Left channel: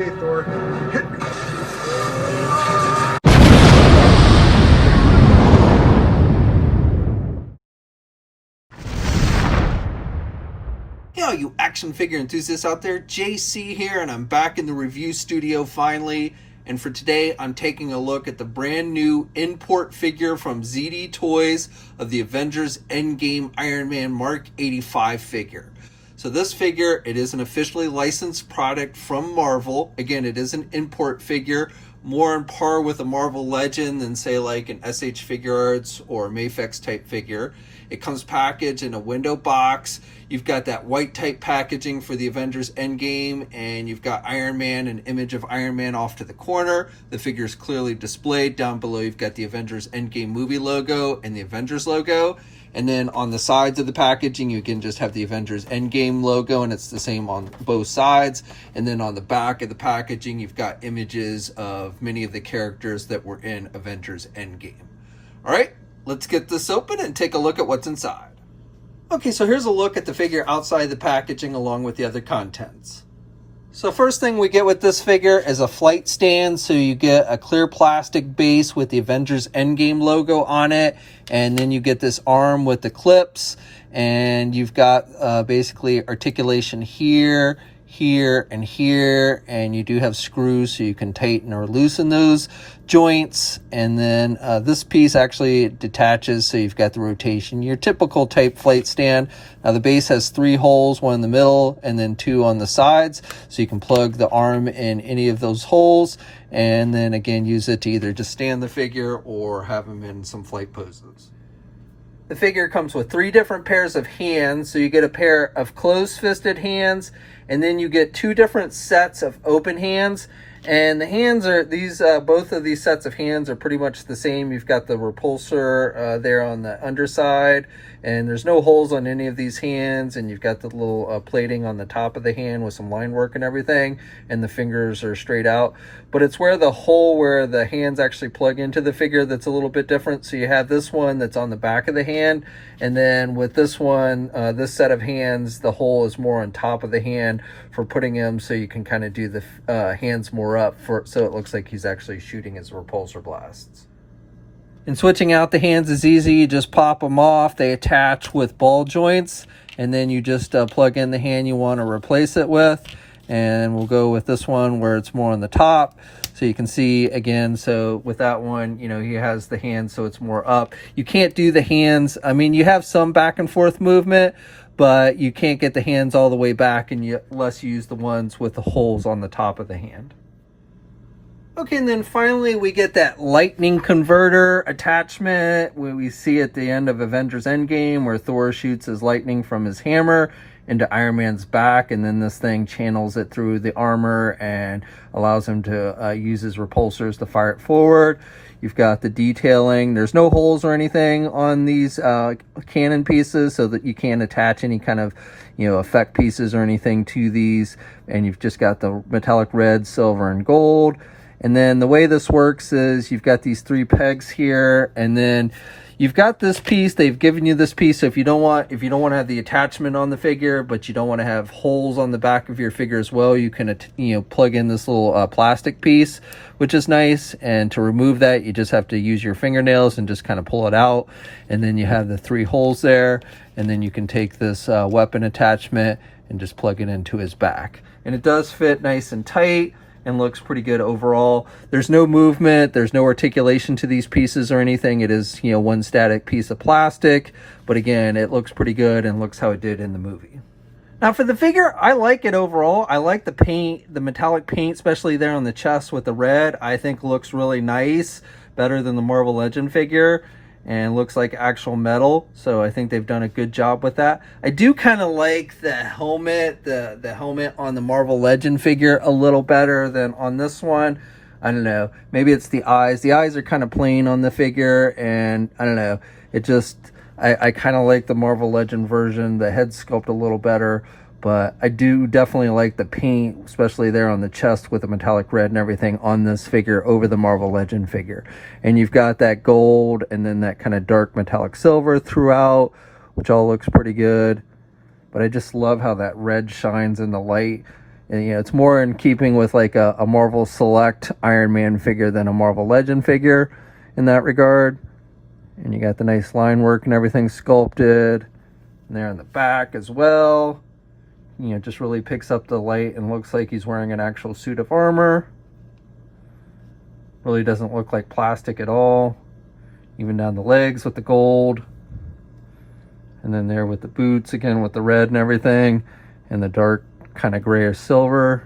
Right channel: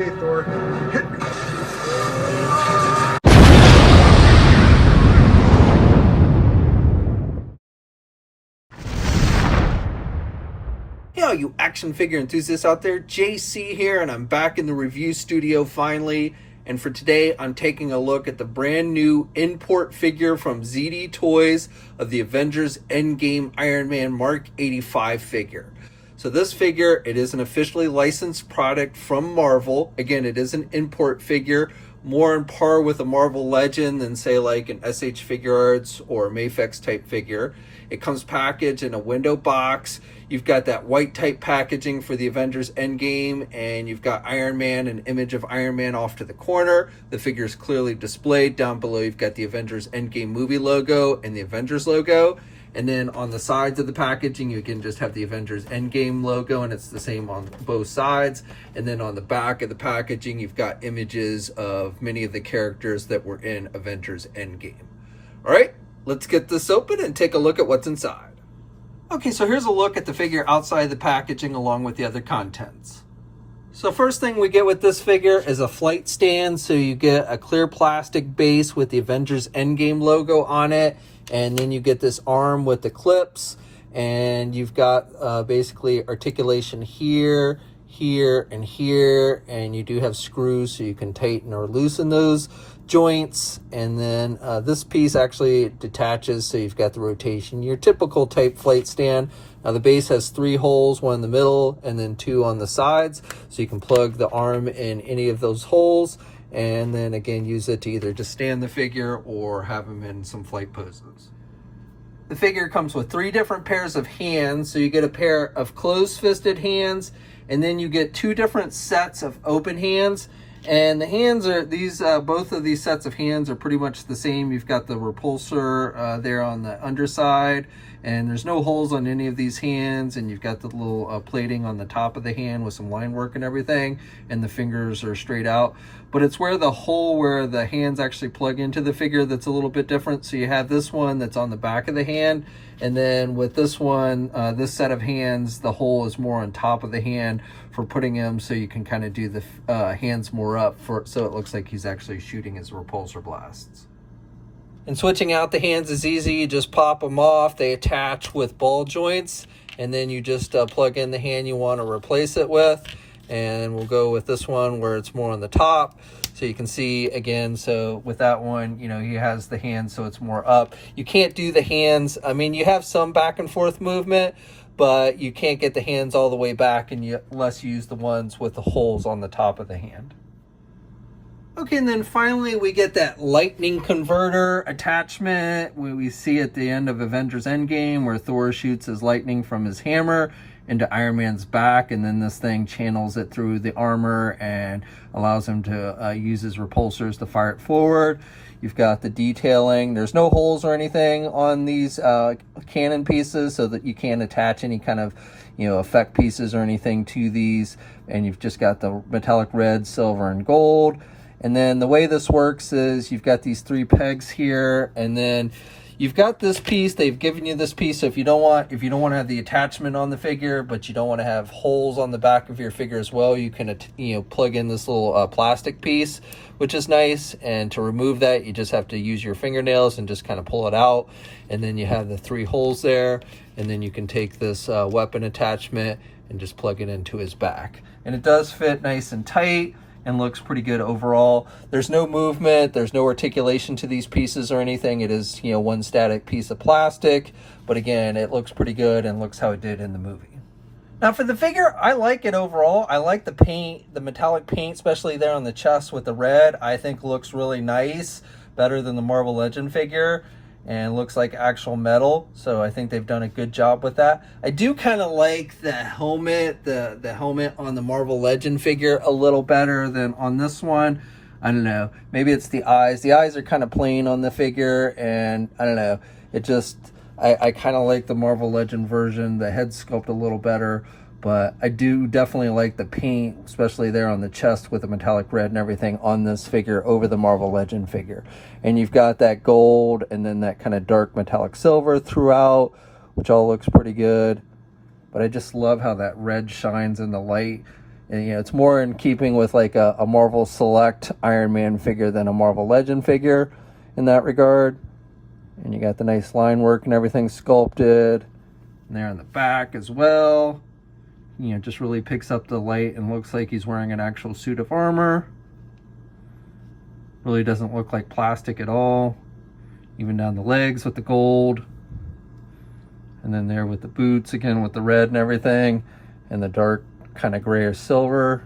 Okay, Thor, hit me. Hey all you action figure enthusiasts out there, JC here, and I'm back in the review studio finally. And for today, I'm taking a look at the brand new import figure from ZDToys of the Avengers Endgame Iron Man Mark 85 figure. So this figure, it is an officially licensed product from Marvel. Again, it is an import figure, more on par with a Marvel Legend than say like an SH Figure Arts or Mafex type figure. It comes packaged in a window box. You've got that white type packaging for the Avengers Endgame, and you've got Iron Man, an image of Iron Man off to the corner. The figure is clearly displayed. Down below, you've got the Avengers Endgame movie logo and the Avengers logo. And then on the sides of the packaging, you can just have the Avengers Endgame logo, and it's the same on both sides. And then on the back of the packaging, you've got images of many of the characters that were in Avengers Endgame. All right, let's get this open and take a look at what's inside. Okay, so here's a look at the figure outside the packaging along with the other contents. So first thing we get with this figure is a flight stand. So you get a clear plastic base with the Avengers Endgame logo on it. And then you get this arm with the clips. And you've got basically articulation here, here, and here. And you do have screws so you can tighten or loosen those joints. And then this piece actually detaches, so you've got the rotation, your typical type flight stand. Now the base has 3 holes, one in the middle and then 2 on the sides, so you can plug the arm in any of those holes, and then again use it to either just stand the figure or have him in some flight poses. The figure comes with 3 different pairs of hands. So you get a pair of closed-fisted hands, and then you get 2 different sets of open hands. And the hands are these, both of these sets of hands are pretty much the same. You've got the repulsor there on the underside, and there's no holes on any of these hands. And you've got the little plating on the top of the hand with some line work and everything. And the fingers are straight out. But it's where the hole where the hands actually plug into the figure that's a little bit different. So you have this one that's on the back of the hand. And then with this one, this set of hands, the hole is more on top of the hand for putting him so you can kind of do the hands more up so it looks like he's actually shooting his repulsor blasts. And switching out the hands is easy. You just pop them off. They attach with ball joints, and then you just plug in the hand you want to replace it with. And we'll go with this one where it's more on the top. So you can see again, so with that one, you know, he has the hands so it's more up. You can't do the hands. I mean, you have some back and forth movement, but you can't get the hands all the way back unless you use the ones with the holes on the top of the hand. Okay, and then finally we get that lightning converter attachment we see at the end of Avengers Endgame, where Thor shoots his lightning from his hammer into Iron Man's back, and then this thing channels it through the armor and allows him to use his repulsors to fire it forward. You've got the detailing. There's no holes or anything on these cannon pieces, so that you can't attach any kind of, you know, effect pieces or anything to these. And you've just got the metallic red, silver, and gold. And then the way this works is you've got these 3 pegs here, and then you've got this piece. They've given you this piece. So if you don't want to have the attachment on the figure, but you don't want to have holes on the back of your figure as well, you can plug in this little plastic piece, which is nice. And to remove that, you just have to use your fingernails and just kind of pull it out. And then you have the 3 holes there, and then you can take this weapon attachment and just plug it into his back. And it does fit nice and tight and looks pretty good overall. There's no movement, there's no articulation to these pieces or anything. It is, you know, one static piece of plastic, but again, it looks pretty good and looks how it did in the movie. Now for the figure, I like it overall. I like the paint, the metallic paint, especially there on the chest with the red. I think looks really nice, better than the Marvel Legend figure, and looks like actual metal. So I think they've done a good job with that. I do kind of like the helmet, the helmet on the Marvel Legend figure a little better than on this one. I don't know, maybe it's the eyes. The eyes are kind of plain on the figure, and I don't know, it just, I kind of like the Marvel Legend version, the head sculpt a little better. But I do definitely like the paint, especially there on the chest with the metallic red and everything on this figure over the Marvel Legend figure. And you've got that gold and then that kind of dark metallic silver throughout, which all looks pretty good. But I just love how that red shines in the light. And, you know, it's more in keeping with like a Marvel Select Iron Man figure than a Marvel Legend figure in that regard. And you got the nice line work and everything sculpted. And there in the back as well. You know, just really picks up the light and looks like he's wearing an actual suit of armor. Really doesn't look like plastic at all. Even down the legs with the gold. And then there with the boots again with the red and everything. And the dark kind of grayish silver.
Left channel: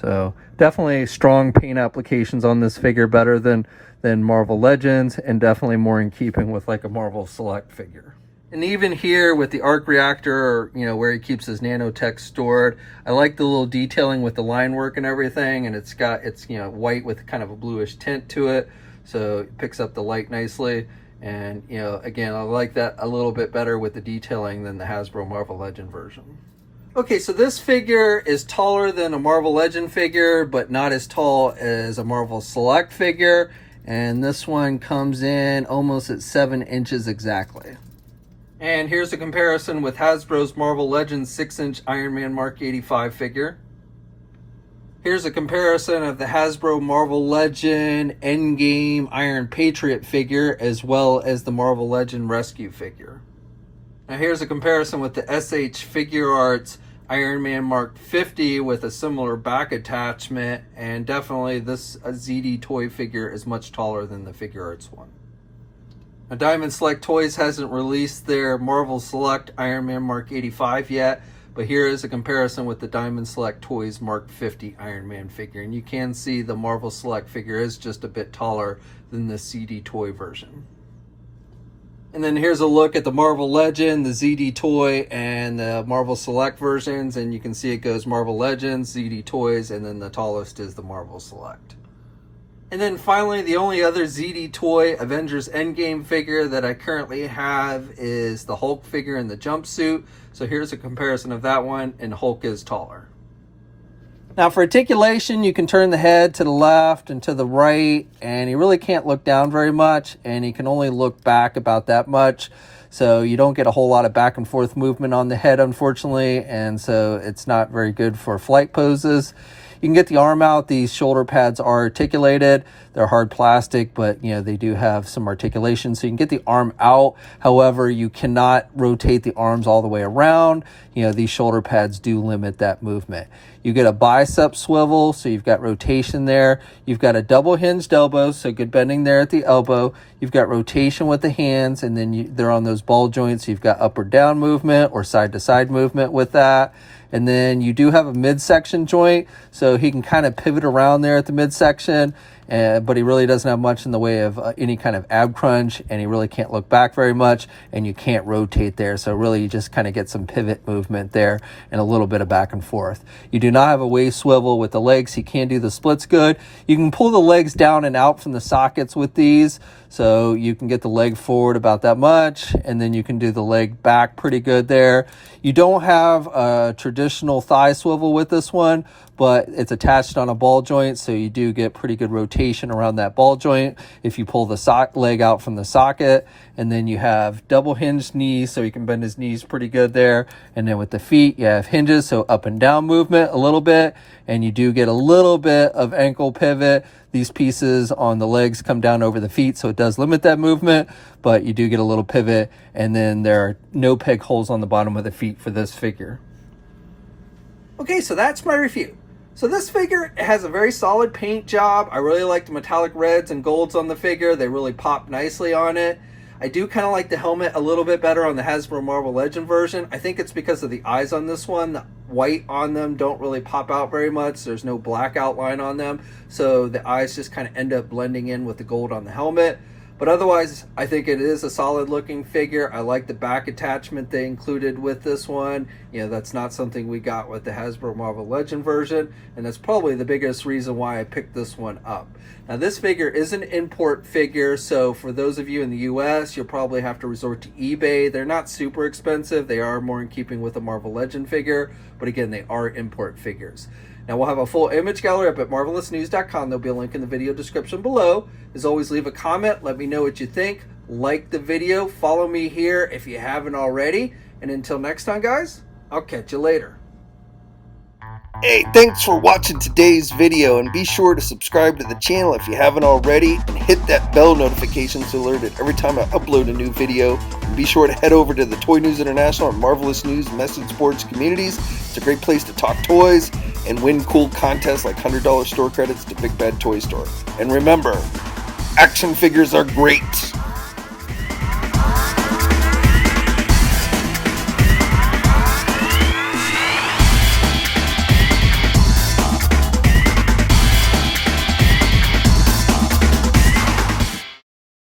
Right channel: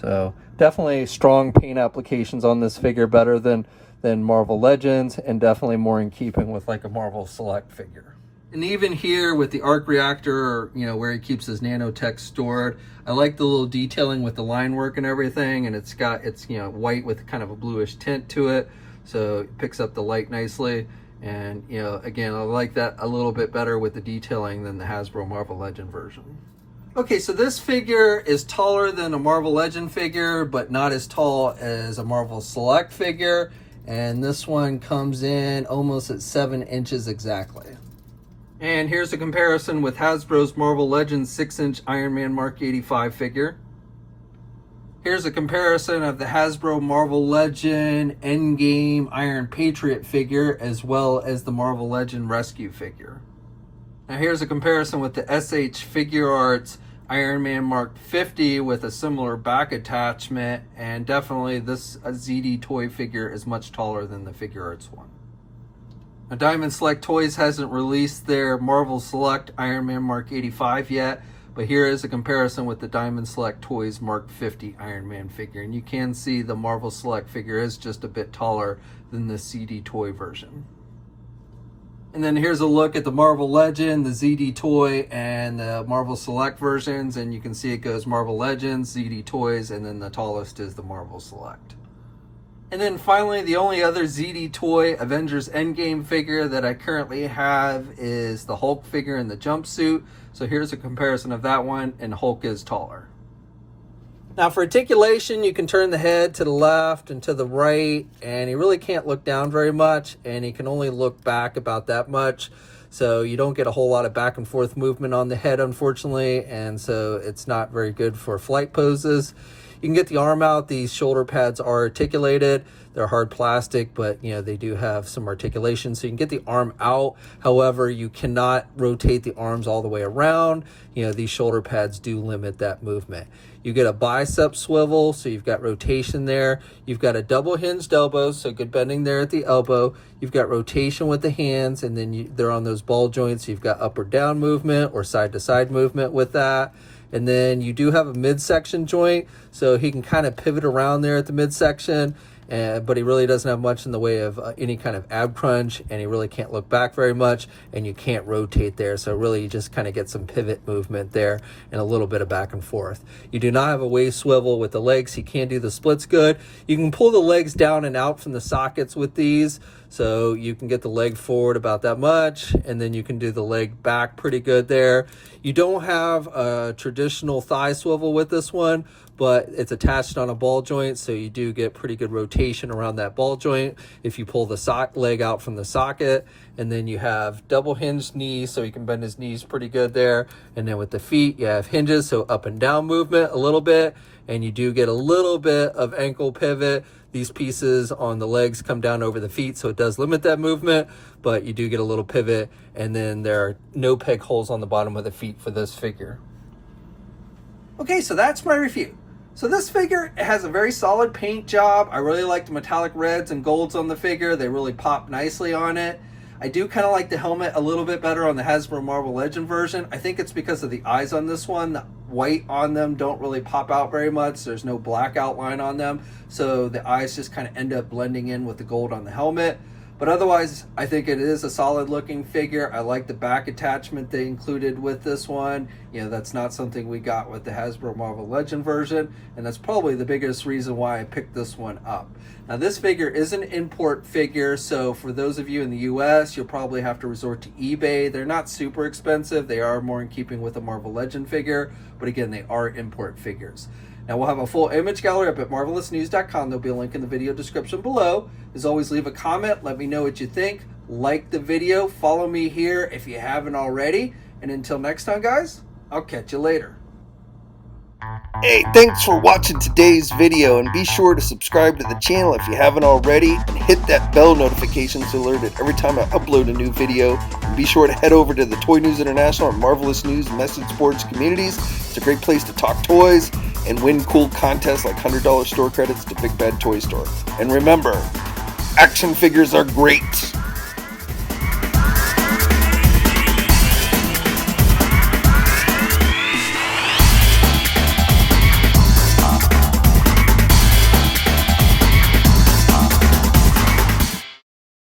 So definitely strong paint applications on this figure, better than Marvel Legends, and definitely more in keeping with like a Marvel Select figure. And even here with the arc reactor, or, you know, where he keeps his nanotech stored, I like the little detailing with the line work and everything, and it's you know, white with kind of a bluish tint to it, so it picks up the light nicely. And, you know, again, I like that a little bit better with the detailing than the Hasbro Marvel Legend version. Okay, so this figure is taller than a Marvel Legend figure, but not as tall as a Marvel Select figure. And this one comes in almost at 7 inches exactly. And here's a comparison with Hasbro's Marvel Legends 6-inch Iron Man Mark 85 figure. Here's a comparison of the Hasbro Marvel Legend Endgame Iron Patriot figure, as well as the Marvel Legend Rescue figure. Now here's a comparison with the SH Figure Arts Iron Man Mark 50 with a similar back attachment, and definitely this ZDToy figure is much taller than the Figure Arts one. Now Diamond Select Toys hasn't released their Marvel Select Iron Man Mark 85 yet, but here is a comparison with the Diamond Select Toys Mark 50 Iron Man figure, and you can see the Marvel Select figure is just a bit taller than the ZDToy version. And then here's a look at the Marvel Legend, the ZDToy, and the Marvel Select versions. And you can see it goes Marvel Legends, ZDToys, and then the tallest is the Marvel Select. And then finally, the only other ZDToy Avengers Endgame figure that I currently have is the Hulk figure in the jumpsuit. So here's a comparison of that one, and Hulk is taller. Now for articulation, you can turn the head to the left and to the right, and he really can't look down very much, and he can only look back about that much. So you don't get a whole lot of back and forth movement on the head, unfortunately, and so it's not very good for flight poses. You can get the arm out. These shoulder pads are articulated. They're hard plastic, but you know, they do have some articulation, so you can get the arm out. However, you cannot rotate the arms all the way around. You know, these shoulder pads do limit that movement. You get a bicep swivel, so you've got rotation there. You've got a double hinged elbow, so good bending there at the elbow. You've got rotation with the hands, and then they're on those ball joints. So you've got up or down movement or side to side movement with that. And then you do have a midsection joint, so he can kind of pivot around there at the midsection, but he really doesn't have much in the way of any kind of ab crunch, and he really can't look back very much, and you can't rotate there. So really you just kind of get some pivot movement there and a little bit of back and forth. You do not have a waist swivel with the legs. He can do the splits good. You can pull the legs down and out from the sockets with these, so you can get the leg forward about that much, and then you can do the leg back pretty good there. You don't have a traditional thigh swivel with this one, but it's attached on a ball joint, so you do get pretty good rotation around that ball joint if you pull the leg out from the socket. And then you have double hinged knees, so you can bend his knees pretty good there. And then with the feet, you have hinges, so up and down movement a little bit, and you do get a little bit of ankle pivot. These pieces on the legs come down over the feet, so it does limit that movement, but you do get a little pivot. And then there are no peg holes on the bottom of the feet for this figure. Okay, so that's my review. So this figure has a very solid paint job. I really like the metallic reds and golds on the figure. They really pop nicely on it. I do kind of like the helmet a little bit better on the Hasbro Marvel Legend version. I think it's because of the eyes on this one. The white on them don't really pop out very much. There's no black outline on them, so the eyes just kind of end up blending in with the gold on the helmet. But otherwise, I think it is a solid looking figure. I like the back attachment they included with this one. You know, that's not something we got with the Hasbro Marvel Legend version, and that's probably the biggest reason why I picked this one up. Now, this figure is an import figure, so for those of you in the US, you'll probably have to resort to eBay. They're not super expensive. They are more in keeping with a Marvel Legend figure, but again, they are import figures. Now, we'll have a full image gallery up at marvelousnews.com. There'll be a link in the video description below. As always, leave a comment. Let me know what you think. Like the video. Follow me here if you haven't already. And until next time, guys, I'll catch you later. Hey, thanks for watching today's video, and be sure to subscribe to the channel if you haven't already, and hit that bell notification so alerted every time I upload a new video. And be sure to head over to the Toy News International and Marvelous News Message Boards communities. It's a great place to talk toys and win cool contests like $100 store credits to Big Bad Toy Store. And remember, action figures are great.